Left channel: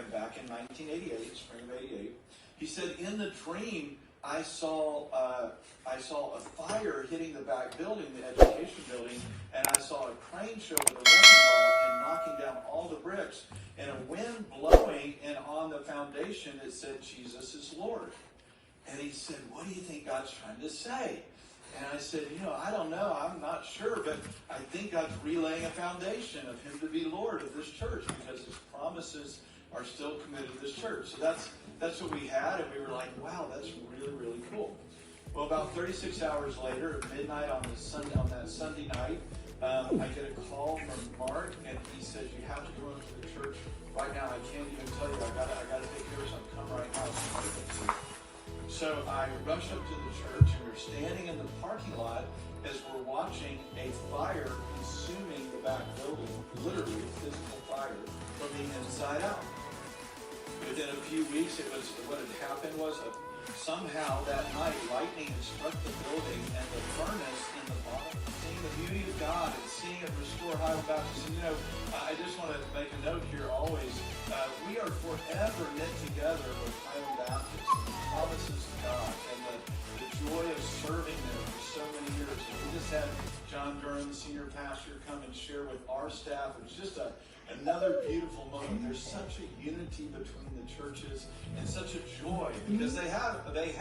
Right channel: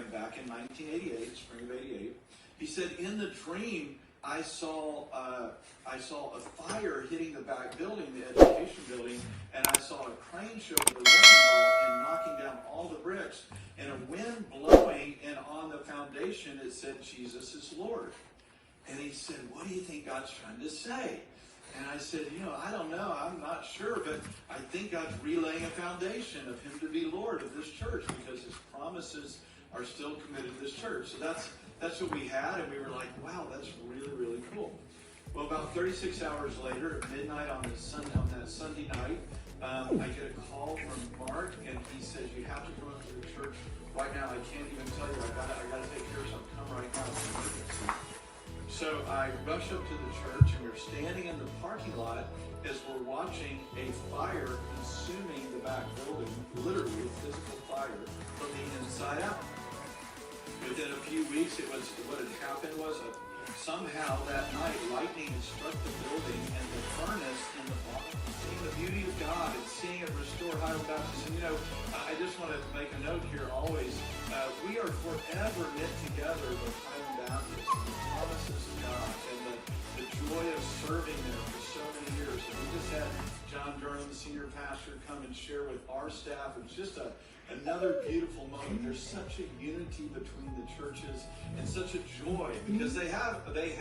him back in 1988, spring of '88. He said, in the dream, I saw a fire hitting the back building, the education building, and I saw a crane show with a wrecking ball and knocking down all the bricks, and a wind blowing, and on the foundation it said, Jesus is Lord. And he said, what do you think God's trying to say? And I said, I don't know. I'm not sure, but I think God's relaying a foundation of him to be Lord of this church because his promises are still committed to this church. So that's what we had, and we were like, wow, that's really, really cool. Well, about 36 hours later, at midnight on that Sunday night, I get a call from Mark, and he says, you have to go into the church right now. I can't even tell you. I got to take care of something. Come right now. So I rush up to the church, and we're standing in the parking lot as we're watching a fire consuming the back building, literally a physical fire from the inside out. Within a few weeks, what had happened was somehow that night, lightning had struck the building, and the furnace in the bottom, seeing the beauty of God and seeing it restore Highland Baptist. And I just want to make a note here always, we are forever knit together with Highland Baptist and the promises of God and the joy of serving them for so many years. And we just had John Durham, the senior pastor, come and share with our staff. It was just another beautiful moment. There's such a unity between the churches and such a joy because they have and they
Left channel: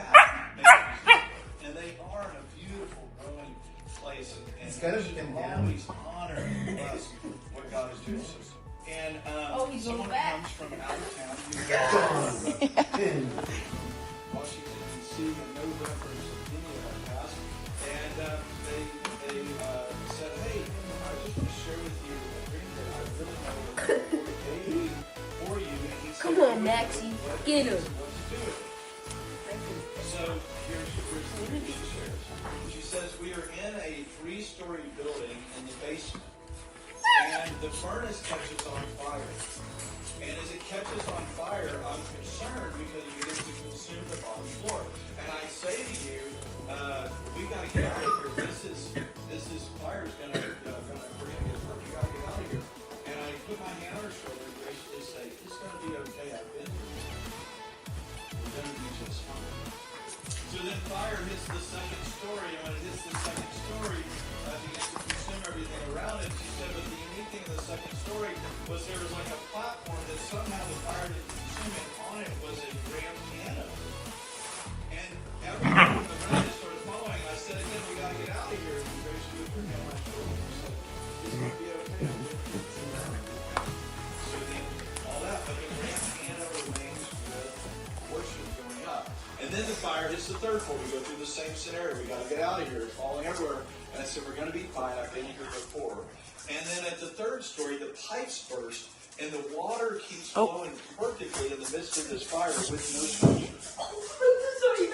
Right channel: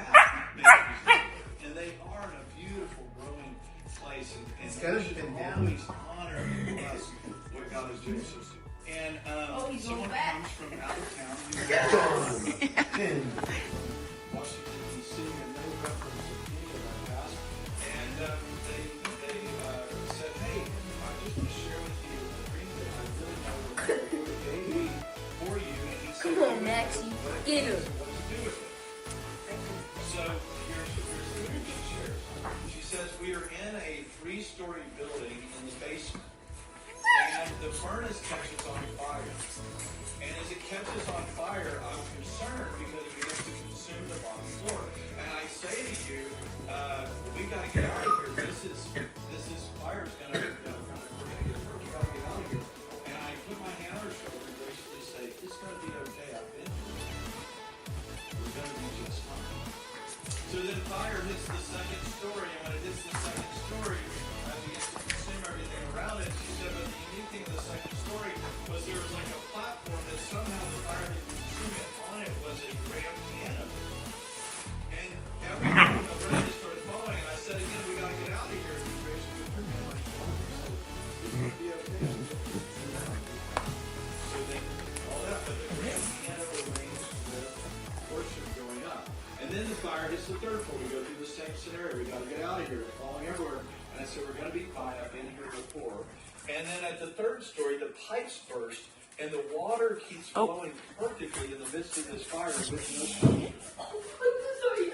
are in a beautiful growing place, and we should always honor and bless what God is doing. And someone comes from out of town, Washington D.C., and no reference to me in my past, and they said, hey, I just want to share with you a dream that I really know for you. And he said, come on, Maxie, get her. So here's the dream she shares. She says, we are in a 3-story building in the basement, and the furnace catches on fire. And as it catches on fire, I'm concerned because it begins to consume the bottom floor. And I say to you, we got to get out of here. This is fire's going to get work. We got to get out of here. And I put my hand on her shoulder and graciously say, it's going to be okay. I've been here. We're going to be just fine. So then fire hits the second story, and when it hits the second story, it begins to consume everything around it. She said, but the unique thing in the second story was there was like a platform that somehow the fire didn't consume it. On it was a grand piano. And everyone in the room started following, and I said, again, we got to get out of here. And she was with her hand on my shoulder. She said, it's going to be okay. So then all that, but the grand piano remains the worship going up. And then the fire hits the third floor. We go through the same scenario. We got to get out of here. It's falling everywhere. And so we're going to be fine. I've been here before. And then at the third story, the pipes burst, and the water keeps flowing perfectly in the midst of this fire with no pressure. Oh, sorry,